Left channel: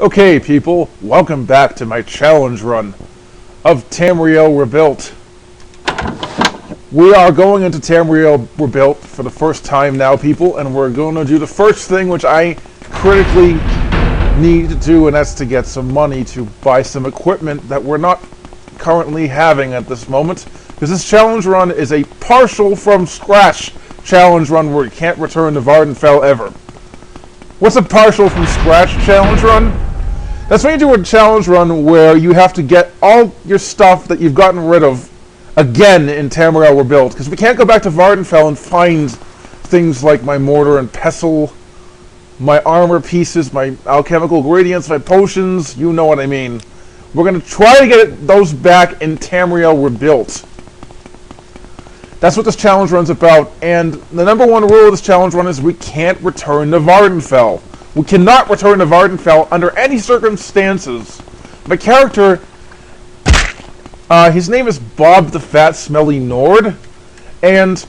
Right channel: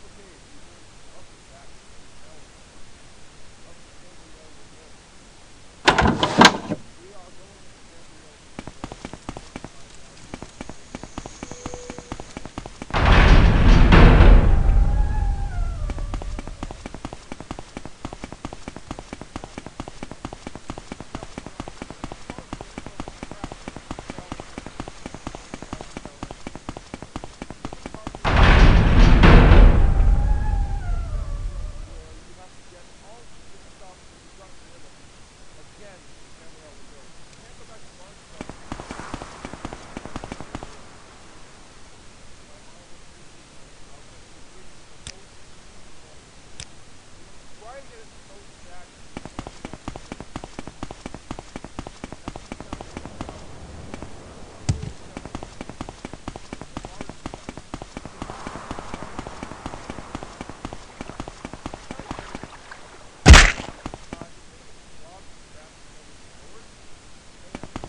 Okay, people, welcome back to my challenge run of Tamriel Rebuilt. We are going into Tamriel Rebuilt for the first time now, people, and we're going to do the first thing which I critically need to do, and that's to get some money to buy some equipment that we're not currently having at this moment, because this challenge run is a partial from scratch challenge run where you can't return to Vvardenfell ever. What's a partial from scratch challenge run? That's when you do a challenge run where you have to get all your stuff that you've gotten rid of again in Tamriel Rebuilt, because we can't go back to Vvardenfell and find things like my mortar and pestle, my armor pieces, my alchemical ingredients, my potions, you know what I mean. We're going to try to get those back in Tamriel Rebuilt. That's what this challenge run's about, and the number one rule of this challenge run is we can't return to Vvardenfell. We cannot return to Vvardenfell under any circumstances. My character, his name is Bob the Fat Smelly Nord, and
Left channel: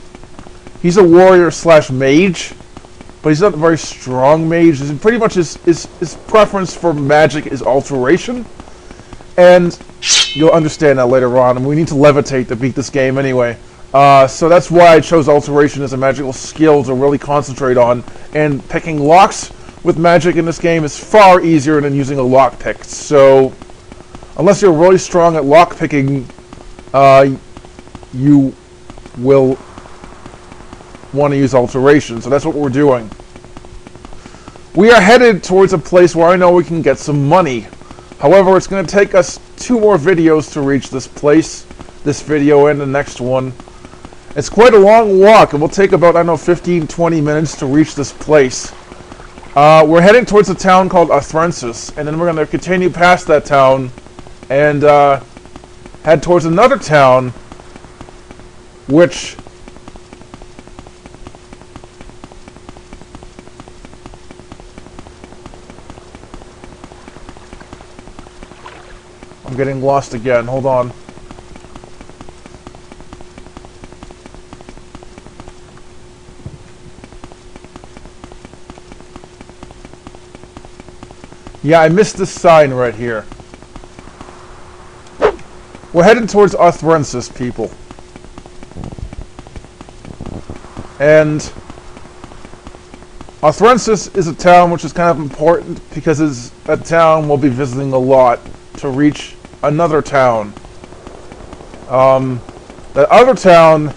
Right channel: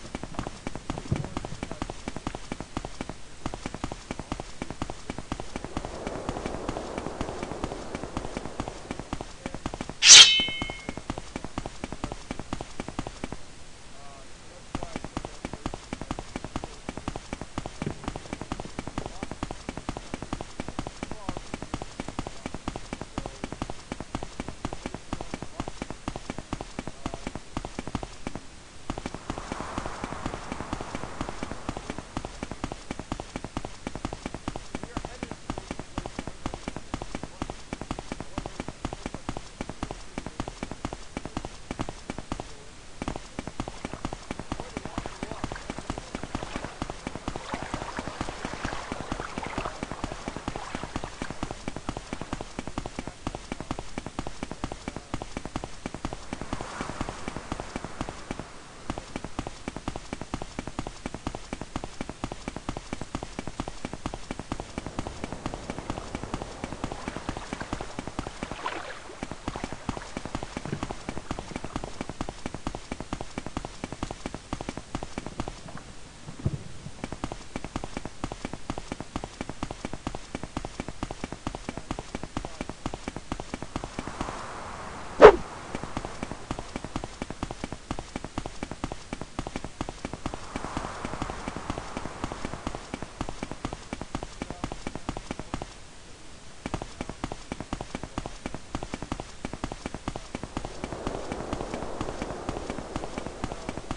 he's a warrior slash mage, but he's not a very strong mage. Pretty much his preference for magic is alteration, and you'll understand that later on, and we need to levitate to beat this game anyway. So that's why I chose alteration as a magical skill to really concentrate on, and picking locks with magic in this game is far easier than using a lockpick. So, unless you're really strong at lockpicking, you will want to use alteration. So that's what we're doing. We are headed towards a place where I know we can get some money. However, it's going to take us 2 more videos to reach this place. This video and the next one. It's quite a long walk. It will take about, I don't know, 15-20 minutes to reach this place. We're heading towards a town called Athrensis, and then we're going to continue past that town and head towards another town, which I'm getting lost again. Hold on. Yeah, I missed this sign right here. We're heading towards Athrensis, people. And Athrensis is a town which is kind of important because it's a town we'll be visiting a lot to reach another town. That other town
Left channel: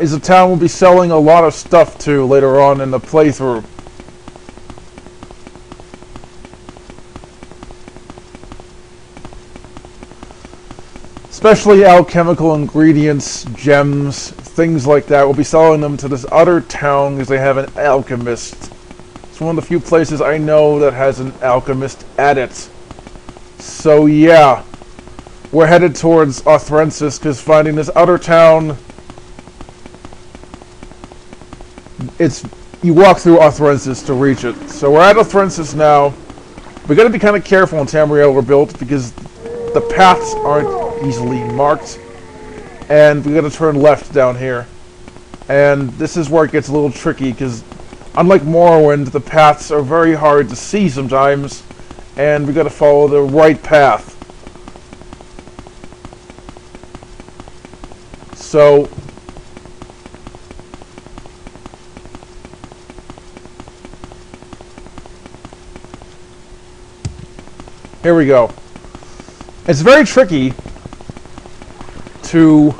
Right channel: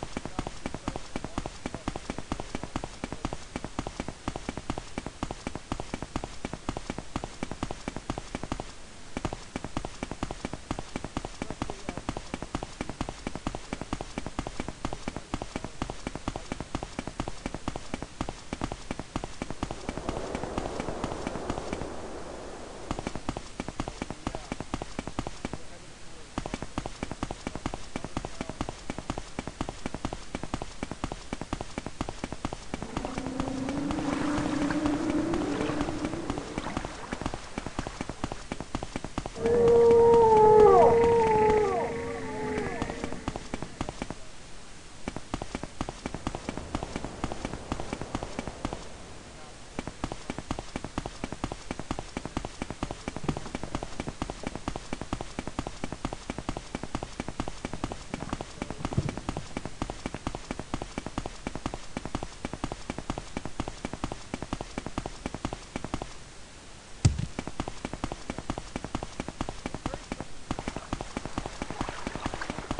is a town we'll be selling a lot of stuff to later on in the playthrough. Especially alchemical ingredients, gems, things like that. We'll be selling them to this other town because they have an alchemist. It's one of the few places I know that has an alchemist at it. So yeah, we're headed towards Athrensis because finding this other town, you walk through Athrensis to reach it. So we're at Athrensis now. We gotta be kind of careful in Tamriel Rebuilt because the paths aren't easily marked. And we gotta turn left down here. And this is where it gets a little tricky because unlike Morrowind, the paths are very hard to see sometimes. And we gotta follow the right path. So here we go. It's very tricky to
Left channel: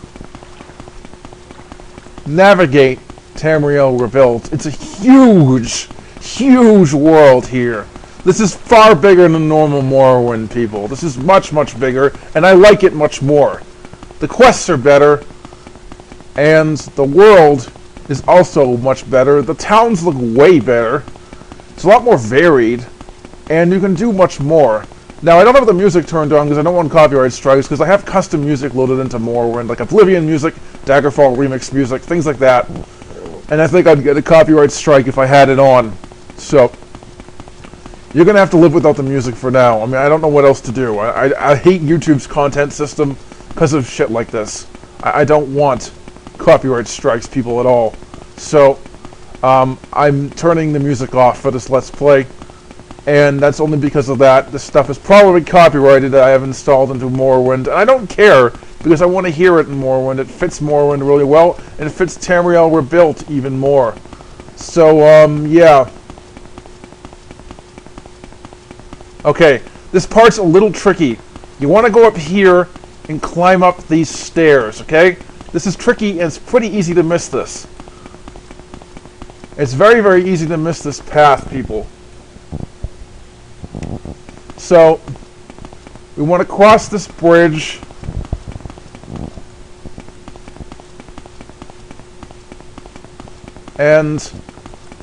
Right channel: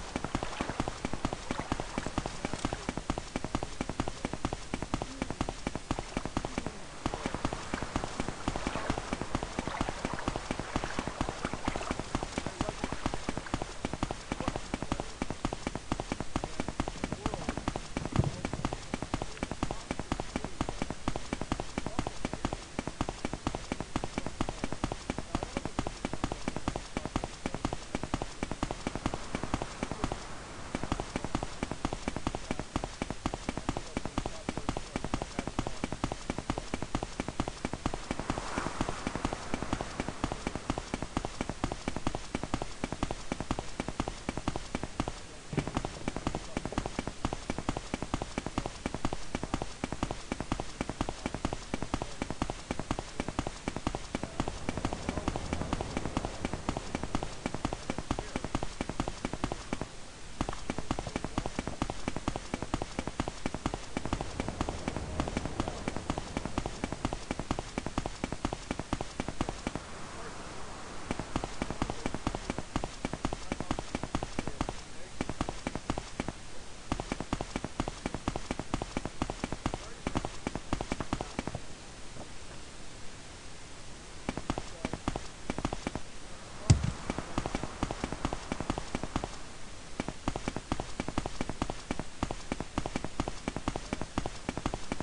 navigate Tamriel Rebuilt. It's a huge, huge world here. This is far bigger than normal Morrowind, people. This is much, much bigger, and I like it much more. The quests are better, and the world is also much better. The towns look way better. It's a lot more varied, and you can do much more. Now, I don't have the music turned on because I don't want copyright strikes, because I have custom music loaded into Morrowind, like Oblivion music, Daggerfall remix music, things like that. And I think I'd get a copyright strike if I had it on. So, You're going to have to live without the music for now. I mean, I don't know what else to do. I hate YouTube's content system because of shit like this. I don't want copyright strikes, people, at all. So, I'm turning the music off for this Let's Play, and that's only because of that. This stuff is probably copyrighted that I have installed into Morrowind, and I don't care, because I want to hear it in Morrowind. It fits Morrowind really well, and it fits Tamriel Rebuilt even more. So, yeah. Okay, this part's a little tricky. You want to go up here and climb up these stairs, okay? This is tricky, and it's pretty easy to miss this. It's very, very easy to miss this path, people. So, we want to cross this bridge. And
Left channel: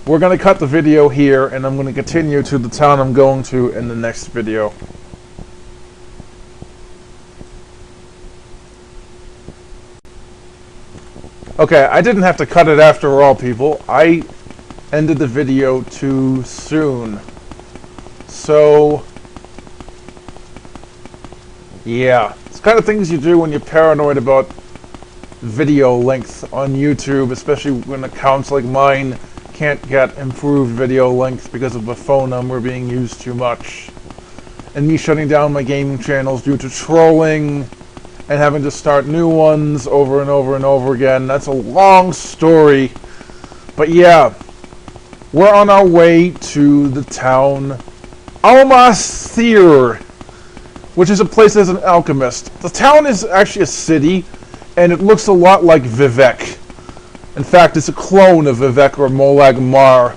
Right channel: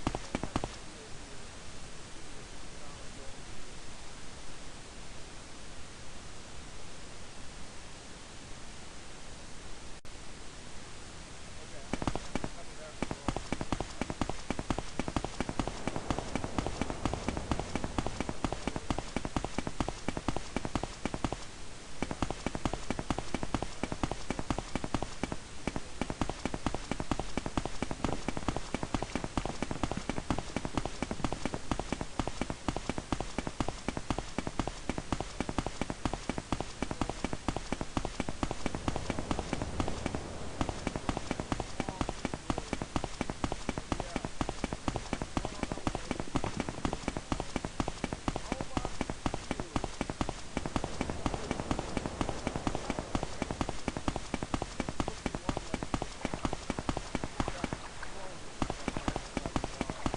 we're going to cut the video here, and I'm going to continue to the town I'm going to in the next video. Okay, I didn't have to cut it after all, people. I ended the video too soon. So, yeah. It's the kind of things you do when you're paranoid about video length on YouTube, especially when accounts like mine can't get improved video length because of the phone number being used too much. And me shutting down my gaming channels due to trolling and having to start new ones over and over and over again. That's a long story. But yeah, we're on our way to the town Almasthir, which is a place as an alchemist. The town is actually a city, and it looks a lot like Vivec. In fact, it's a clone of Vivec or Molag Mar.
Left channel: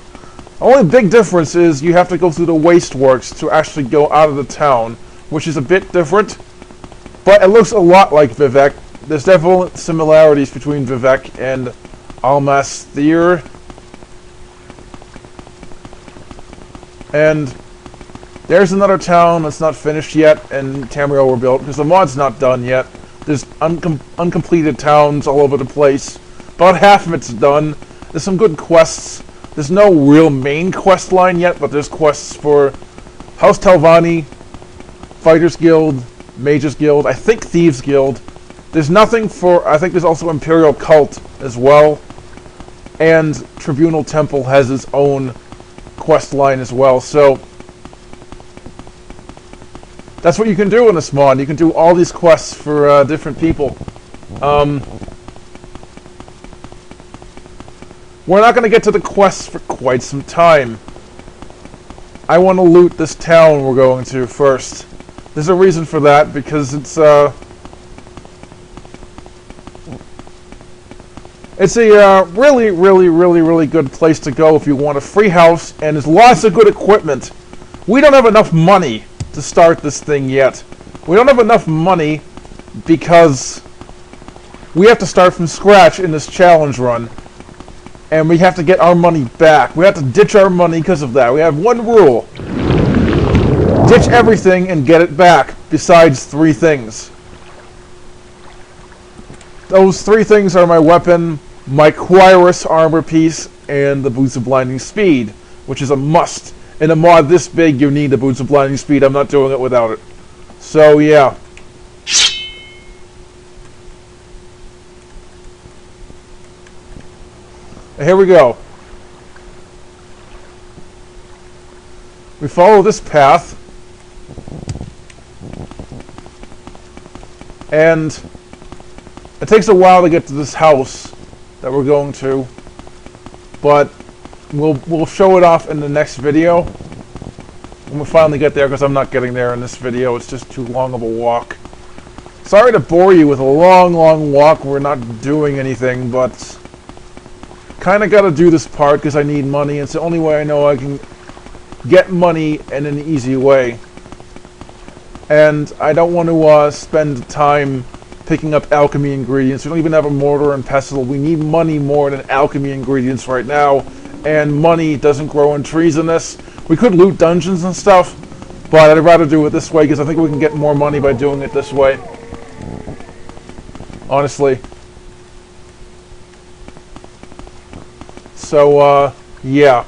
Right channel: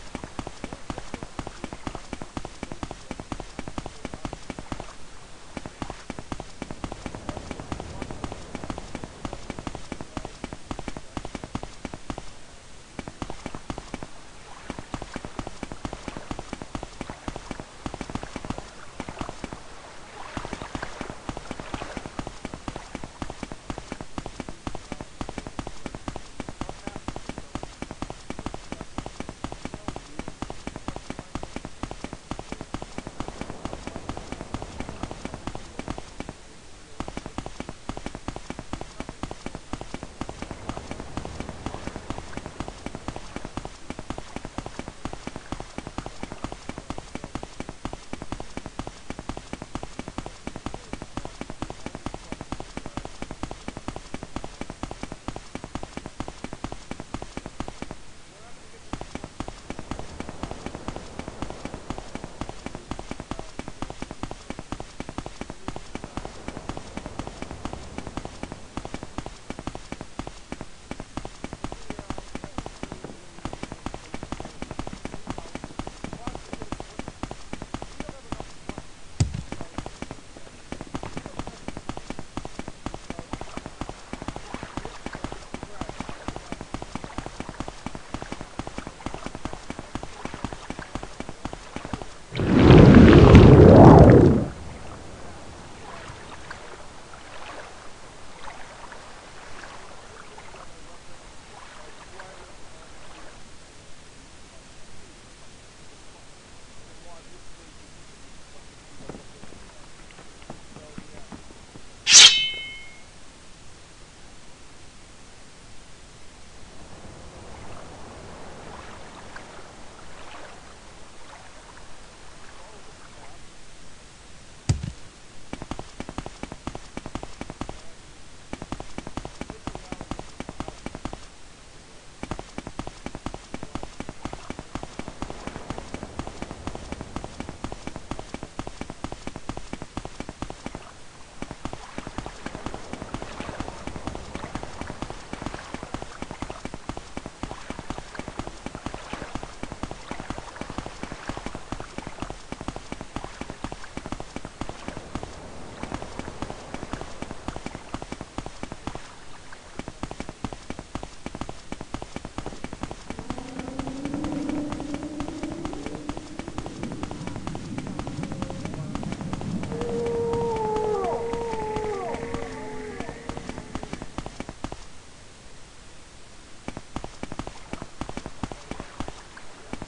The only big difference is you have to go through the wasteworks to actually go out of the town, which is a bit different. But it looks a lot like Vivec. There's definitely similarities between Vivec and Almasthir. And there's another town that's not finished yet, and Tamriel Rebuilt, because the mod's not done yet. There's uncompleted towns all over the place. About half of it's done. There's some good quests. There's no real main quest line yet, but there's quests for House Telvanni, Fighters Guild, Mages Guild, I think Thieves Guild. There's nothing for, I think there's also Imperial Cult as well. And Tribunal Temple has its own quest line as well. So, that's what you can do in this mod. You can do all these quests for different people. We're not going to get to the quests for quite some time. I want to loot this town we're going to first. There's a reason for that, because it's a really, really, really, really good place to go if you want a free house, and there's lots of good equipment. We don't have enough money to start this thing yet. We don't have enough money because we have to start from scratch in this challenge run. And we have to get our money back. We have to ditch our money because of that. We have one rule. Ditch everything and get it back, besides 3 things. Those 3 things are my weapon, my Quirus armor piece, and the Boots of Blinding Speed, which is a must. In a mod this big, you need the Boots of Blinding Speed. I'm not doing it without it. So, yeah. Here we go. We follow this path. And it takes a while to get to this house that we're going to. But we'll show it off in the next video when we finally get there, because I'm not getting there in this video. It's just too long of a walk. Sorry to bore you with a long, long walk. We're not doing anything, but kind of got to do this part because I need money. It's the only way I know I can get money in an easy way. And I don't want to spend time picking up alchemy ingredients. We don't even have a mortar and pestle. We need money more than alchemy ingredients right now. And money doesn't grow in trees in this. We could loot dungeons and stuff, but I'd rather do it this way because I think we can get more money by doing it this way. Honestly. So, yeah.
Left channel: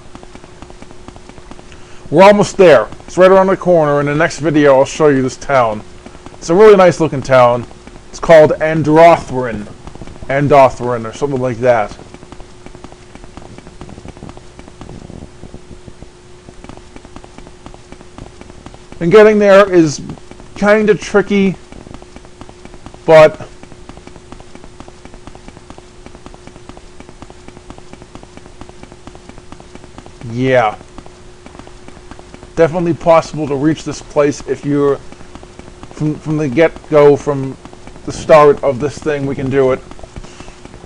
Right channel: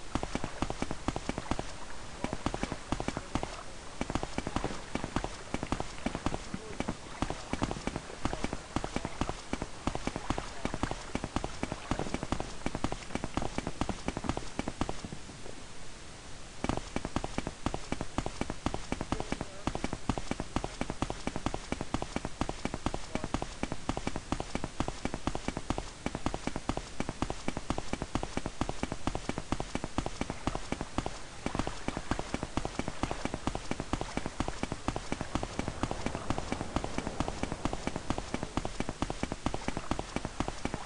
We're almost there. It's right around the corner. In the next video, I'll show you this town. It's a really nice looking town. It's called Andothran, or something like that. And getting there is kind of tricky, but yeah, definitely possible to reach this place if you're from the get-go, from the start of this thing. We can do it.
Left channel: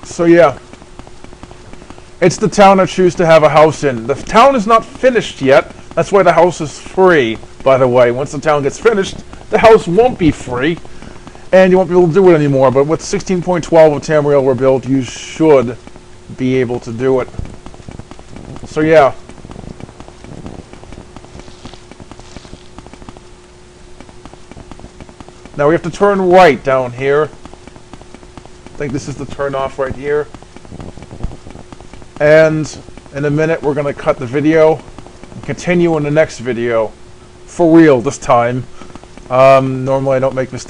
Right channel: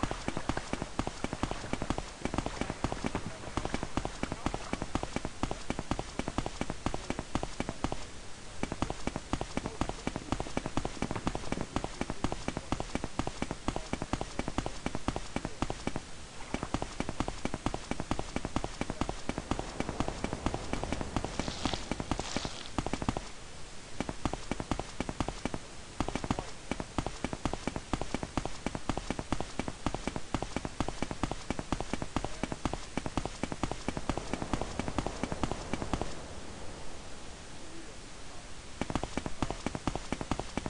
So yeah, it's the town I choose to have a house in. The town is not finished yet. That's why the house is free, by the way. Once the town gets finished, the house won't be free, and you won't be able to do it anymore. But with 16.12 of Tamriel Rebuilt, you should be able to do it. So yeah. Now we have to turn right down here. I think this is the turn off right here. And in a minute we're going to cut the video and continue in the next video. For real this time. Normally I don't make mistakes.